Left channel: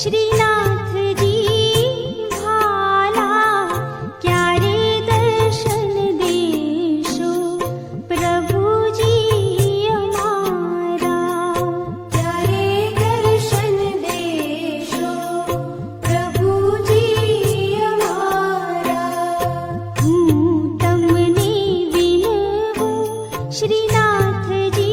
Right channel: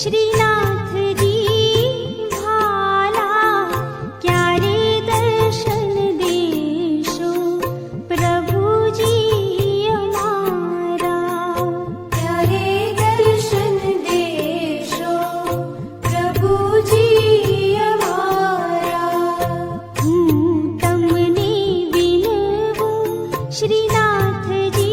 श्रीनाथ जी भाला क्यारे दर्शन देशो प्रभु जी अमारा क्यारे दर्शन देशो प्रभु जी अमारा हूँ तमने विनवूं श्रीनाथ जी